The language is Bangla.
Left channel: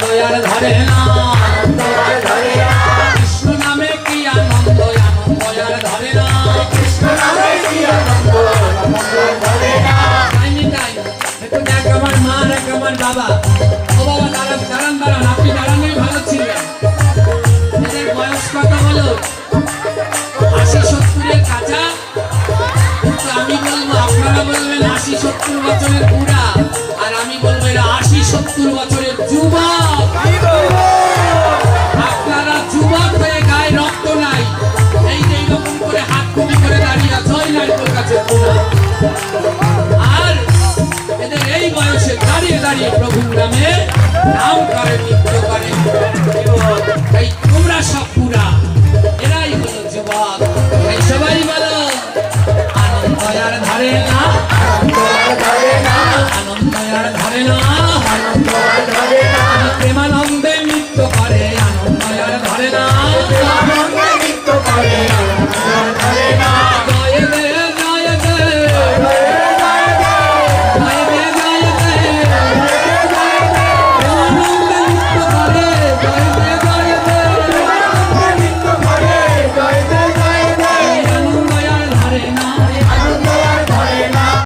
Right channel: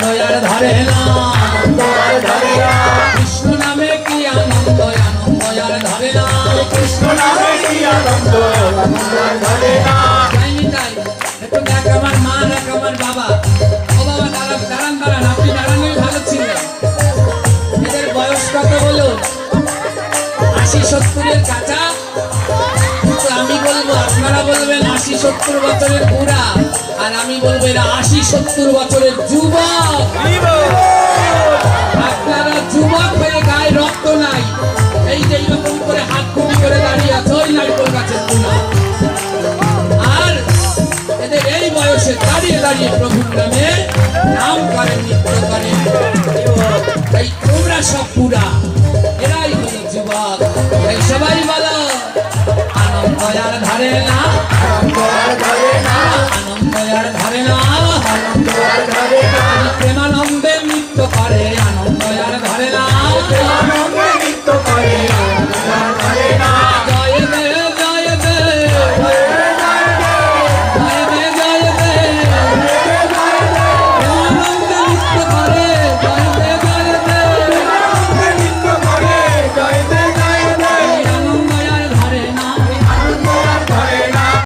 ধারে না কৃষ্ণ নামে কি আনন্দ আনন্দ ধারে না একটু দেখ আমার মা আমার বাবা। ও বাবা দাঁড়ান দাঁড়ান দাঁড়ান আপনি দাঁড়ানোই ভালো ছিলেন এদের বয়স কত বলুন আশি সত্তরের কাঁচা? কিন্তু আমি বলব আপনারা বলবেন আশি সত্তর বছরের বুড়া। আর আমি বলব, এরা আশি সত্তর বছরের যুবক। আপনারা যুবক হয়ে গায়ে রক্ত নাই। এই যে এইরকম করে হাত কুড়ি করে দাঁড়িয়ে আছে, ওই নারকেল গাছের আর এদের এই বয়সে দাঁড়িয়ে দাঁড়িয়ে প্রভুর নামে নাম করে নৃত্য করে। তাই তোমরা সব পুরা, এরাই হলো যুবক। তাই সবাই বলো, আনন্দ আর ধরে না। আনন্দ আর ধরে না